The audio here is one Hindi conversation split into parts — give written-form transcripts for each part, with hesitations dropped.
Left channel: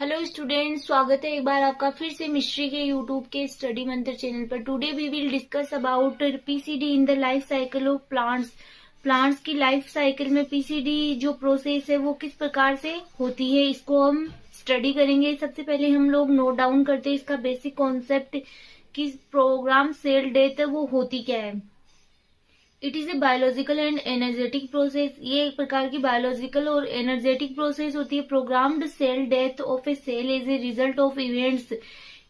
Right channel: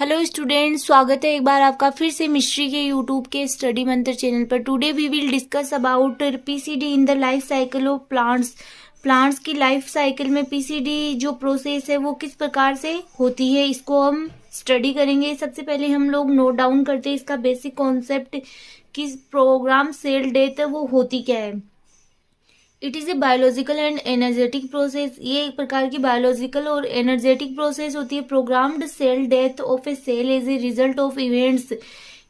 हेलो स्टूडेंट्स, स्वागत है एक बार आपका फिर से मिस्ट्री के यूट्यूब के स्टडी मंत्र चैनल पर। Today we will discuss about PCD in the life cycle of plants. Plants की लाइफ साइकिल में पीसीडी जो प्रोसेस है वो किस प्रकार से होती है, इसको हम स्टडी करेंगे। सबसे पहले हम लोग नोट डाउन करते हैं इसका बेसिक कॉन्सेप्ट कि प्रोग्राम सेल डेथ वो होती क्या है। It is a biological and energetic process. ये एक प्रकार की बायोलॉजिकल और एनर्जेटिक प्रोसेस होती है। Programmed cell death of a cell is a result of events.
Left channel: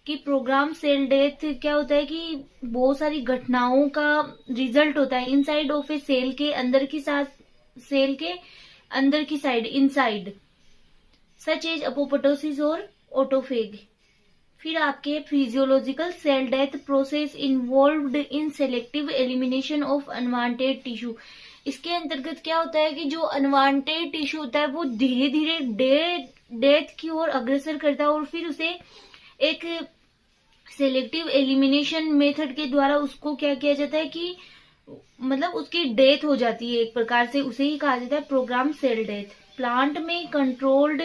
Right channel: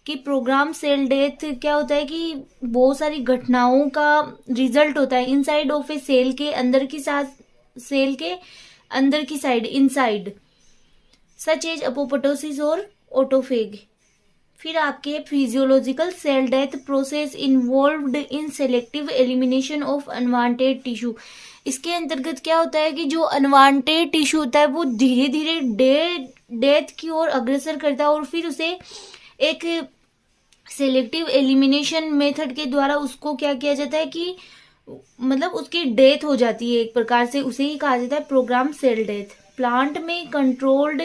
कि प्रोग्राम सेल डेथ क्या होता है कि बहुत सारी घटनाओं का रिजल्ट होता है इनसाइड ऑफ ए सेल के अंदर की साथ सेल के अंदर की side inside, such as apoptosis और ऑटोफेग। फिर आपके physiological cell death process involved in selective elimination of unwanted tissue. इसके अंतर्गत क्या होता है कि जो अनवांटेड टिश्यू होता है वो धीरे धीरे डेथ की ओर अग्रसर करता है और फिर उसे एक सेलेक्टिव एलिमिनेशन मेथड के द्वारा उसको क्या किया जाता है कि मतलब उसकी डेथ हो जाती है एक प्रकार से। उसे ही कहा जाता है प्रोग्राम सेल डेथ। प्लांट में कंट्रोल्ड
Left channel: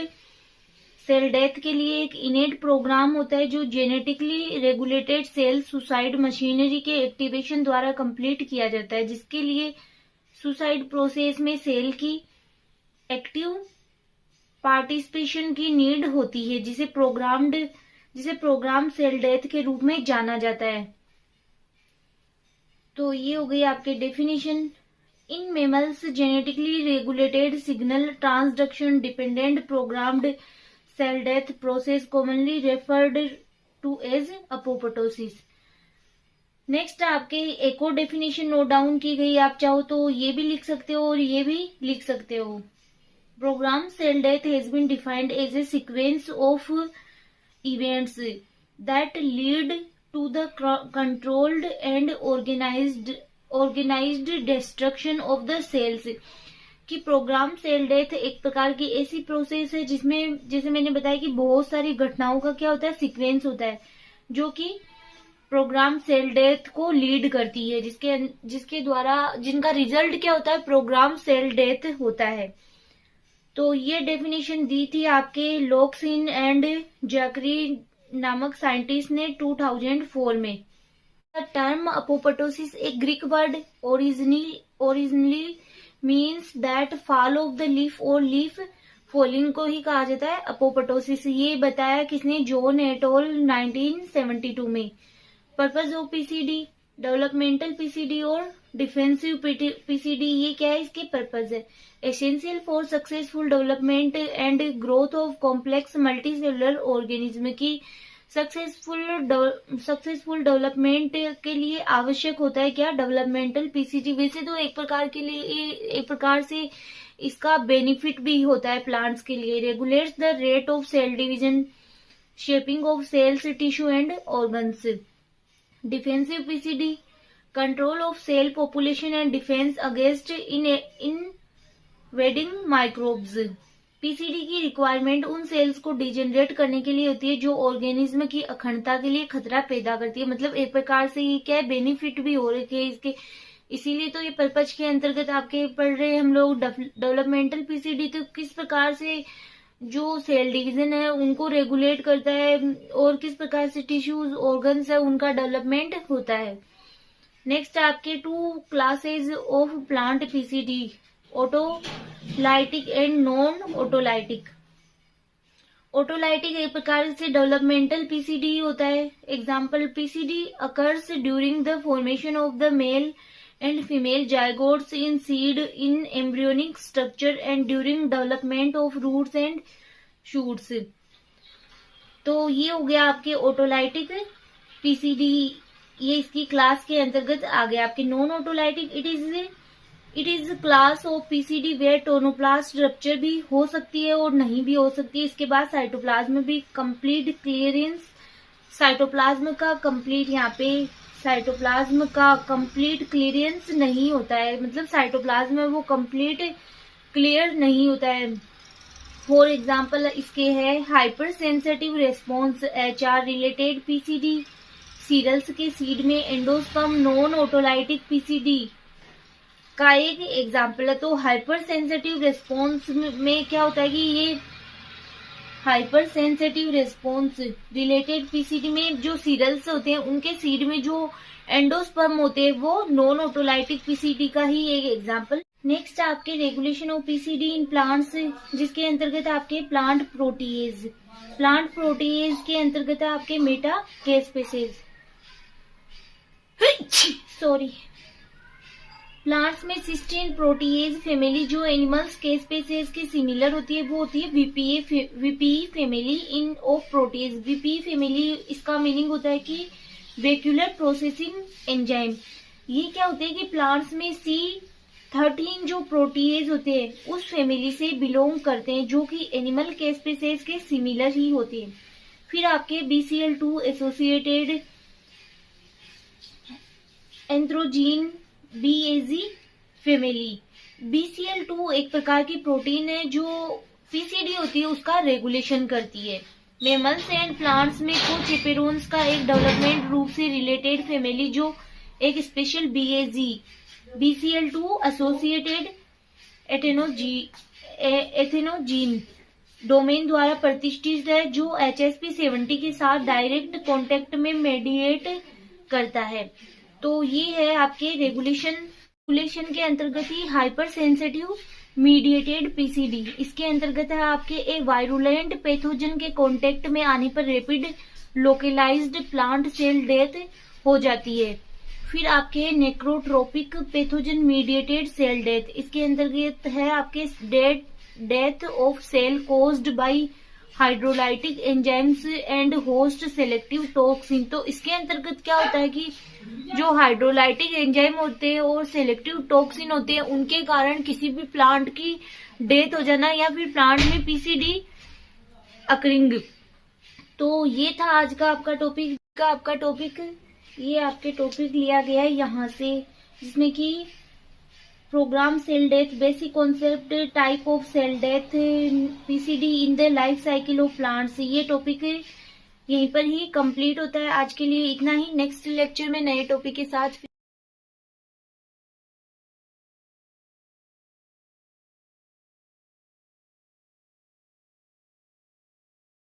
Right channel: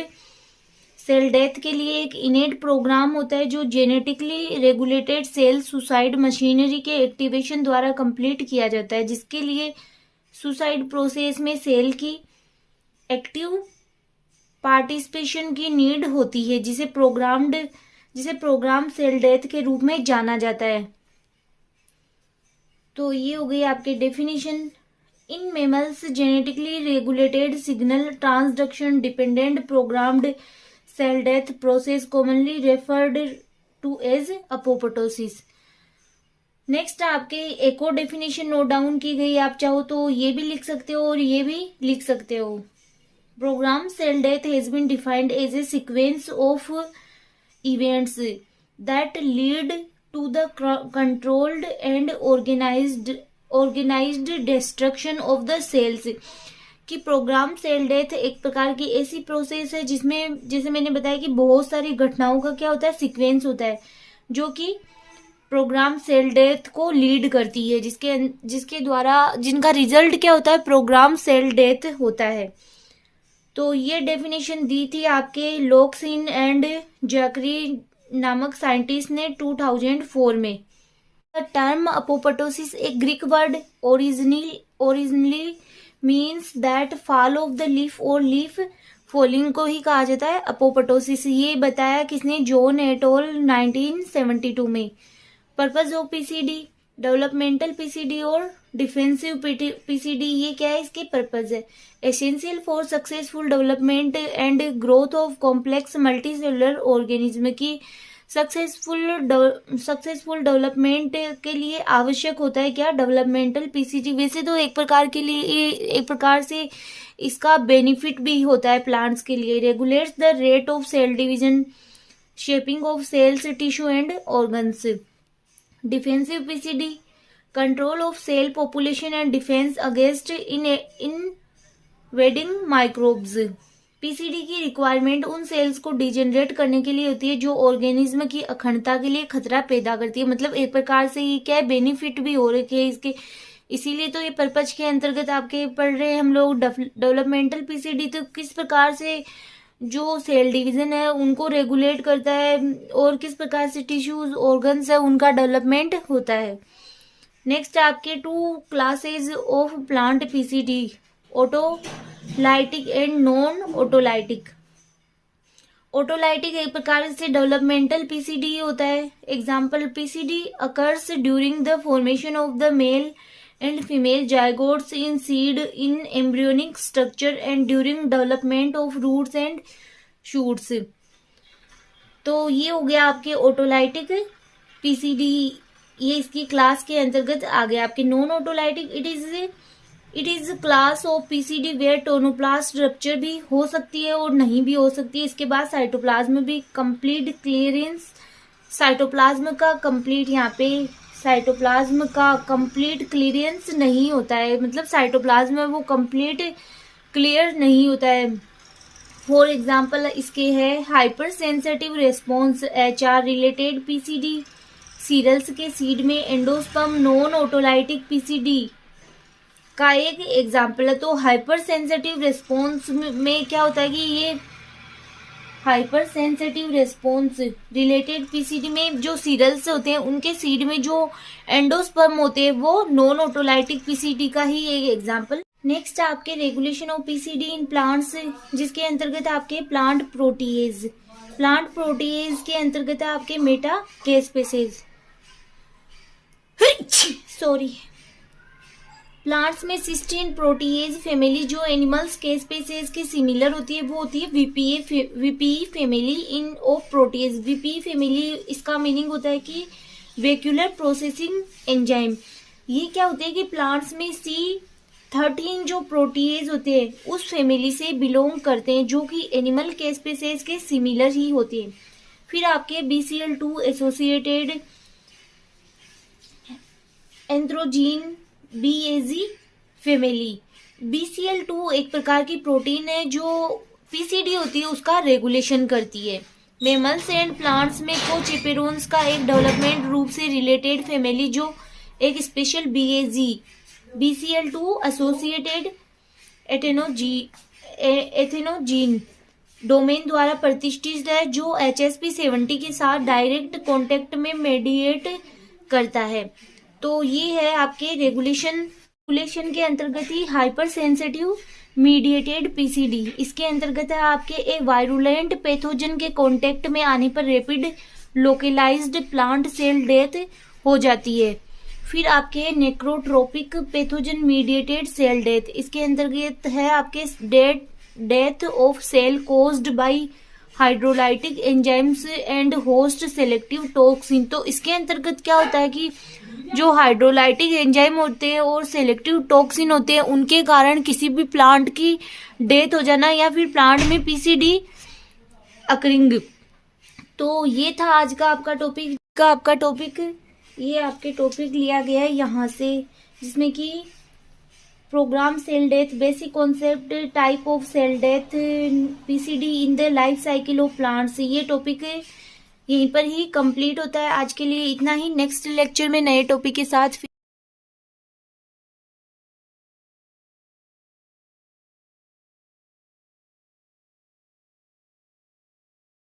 सेल डेथ के लिए एक इनेट प्रोग्राम होता है जो genetically regulated cell suicide machinery के एक्टिवेशन द्वारा कंप्लीट किया जाता है, जिसके लिए सुसाइड प्रोसेस में सेल की एक्टिव पार्टिसिपेशन की नीड होती है, जिसे प्रोग्राम सेल डेथ के रूप में जाना जाता है। तो ये हो गई आपके definition. In mammals genetically regulated signal transduction dependent programmed cell death process commonly referred to as apoptosis. Next आपके एक और डेफिनेशन नोट डाउन की गई, आप चाहो तो ये भी लिख सकते हो और ये भी लिख सकते हो। Program cell death has been defined as a sequence of events that lead to the controlled and organised destruction of the cells. कि प्रोग्राम सेल डेथ एक प्रकार की ऐसी प्रोसेस है जिसमें जैसे मैंने बताया कि बहुत सारी घटनाओं का क्या होता है सीक्वेंस होता है जो कि प्रोग्राम सेल डेथ को लीड करती है, जिसके द्वारा जिनका रिजल्ट क्या होता है प्रोग्राम सेल डेथ होता है। तो ये डेफिनेशन दी थी आपके लॉक्सिन एंड जैकरी नामक साइंटिस्ट ने 2004 में। द टर्म अपोप्टोसिस एक Greek word originally means that fall of the leaf और लीफ फॉलिंग को ही कहा जाता है अपोप्टोसिस। ये बताया किसने, जॉन एटोल 1972 में। Purpose of PCD developmental PCD और डिफेंसिव पीसीडी, ये क्या है इसके पर्पज है। Essential for successful development and growth of complex multicellular organism की सक्सेसफुल डेवलपमेंट के लिए आवश्यक होता है क्या, डेवलपमेंटल पीसीडी। वैसे तो एक प्रकार से इसका बेनिफिट भी होता है प्लांट्स के लिए। Regulates the rate of cell division, shaping of cells tissue and organs. Defensive PCD control of cell population and defence against invading microbes. PCD की रिक्वायरमेंट उन सेल्स को डिजेनरेट करने के लिए होती है जो ऑर्गेनिज्म की अखंडता के लिए खतरा पैदा करती है। मतलब एक प्रकार से ये क्या है बेनिफिट भी हो रखे हैं इसके, इसीलिए तो ये पर्पज के अंतर्गत आपके पढ़ रहे हैं हम लोग डेवलपमेंटल पीसीडी। तो किस प्रकार से जो सेल डिवीजन है उनको रेगुलेट करता है और किस प्रकार से टिश्यूज ऑर्गन्स है उनका डेवलपमेंट होता है। नेक्स्ट आपके 2 classes of plant PCD, autolytic and non autolytic. Autolytic एक प्रकार से डेवलपमेंटल पीसीडी होता है। Example, PCD occurs during the formation of the male and female zygotes in seed in embryonic structure and during development of roots and shoots. तो ये हो गया आपके ऑटोलाइटिक पीसीडी, ये इसकी क्लास के अंतर्गत आ गया। आपके non autolytic it is class of PCD where tonoplast rupture भी हो सकती है और नहीं भी हो सकती है। इसके बाद साइटोप्लाज्म भी कंप्लीट क्लियरेंस, साइटोप्लाज्म का कंप्लीट क्लियरेंस नहीं होता है, मतलब साइटोप्लाज्म में वो कंप्लीट क्लियर नहीं होता है। फॉर एग्जाम्पल इसके है hyper sensitive response HR related PCD, cereals के सीड में एंडोस्पर्म नॉन ऑटोलाइटिक पीसीडी का एक एग्जाम्पल है। तो हाइपर सेंसिटिव रेस्पॉन्स में क्या होता है कि ये hyper sensitive response related PCD में जो सीरल्स होते हैं उनके सीड में जो एंडोस्पर्म होते हैं वो नॉन ऑटोलाइटिक पीसीडी का ही एक एग्जांपल। नेक्स्ट आपके regulation of PCD in plants, जिसके अंतर्गत आपके प्लांट प्रोटीएज के अंतर्गत आपके मेटा केस्पेसेज सॉरी प्लांट्स में सिस्टीन प्रोटीएज फैमिली जो एनिमल्स के स्पेसीज के सिमिलर होती है वो होती है VPE family in of protease. VPE family इसका मीनिंग होता है कि वेक्यूलर प्रोसेसिंग एंजाइम। ये क्या होते हैं कि प्लांट्स में C13 जो प्रोटीएज होते हैं उस फैमिली से बिलोंग करते हैं जो कि एनिमल के स्पेसीज के सिमिलर ही होते हैं। फिर आपके BCL2 associated एंथ्रोजीन BAZ family. BCL2 एक प्रकार की प्रोटीन है जो पीसीडी होती है उसका रेगुलेशन करती है। मैमल्स एंड प्लांट्स में कोचेपेरोन्स का एक डेवलपमेंट रूप से रिलेटेड फैमिली जो एक स्पेशल BCL2 एसोसिएटेड एथेनोजीन डोमेन द्वारा प्रतिष्ठित है जो HSP70 के साथ डायरेक्ट कॉन्टेक्ट में मेडिएट करता है। तो ये है आपके रेगुलेशन के अंतर्गत ही हाइपर सेंसिटिव मीडिएटेड पीसीडी। इसके अंतर्गत है आपके एक वायरुलेंट पैथोजन के कांटेक्ट में आने पर rapid localised plant cell death हो जाती है। फिर आपके necrotrophic pathogen mediated cell death, इसके अंतर्गत है आपके death of cell caused by hydrolytic enzymes and host selective toxin. तो इसके अंतर्गत क्या होता है कि जो हाइड्रोलाइटिक एंजाइम होते हैं और सेलेक्टिव टॉक्सिन होते हैं उनके कारण किसी भी प्लांट की डेथ हो जाना या फिर प्लांट में पीसीडी अकरिंग। तो ये था आज का आपका टॉपिक। ये आपके टॉपिक लिया गया है यहाँ से, जिसमें कि program cell death, basic concept, type of cell death, PCD in the life cycle of plants. ये टॉपिक यहीं पर ही कंप्लीट होता है। आज के लिए इतना ही। नेक्स्ट लेक्चर में नए टॉपिक के साथ फिर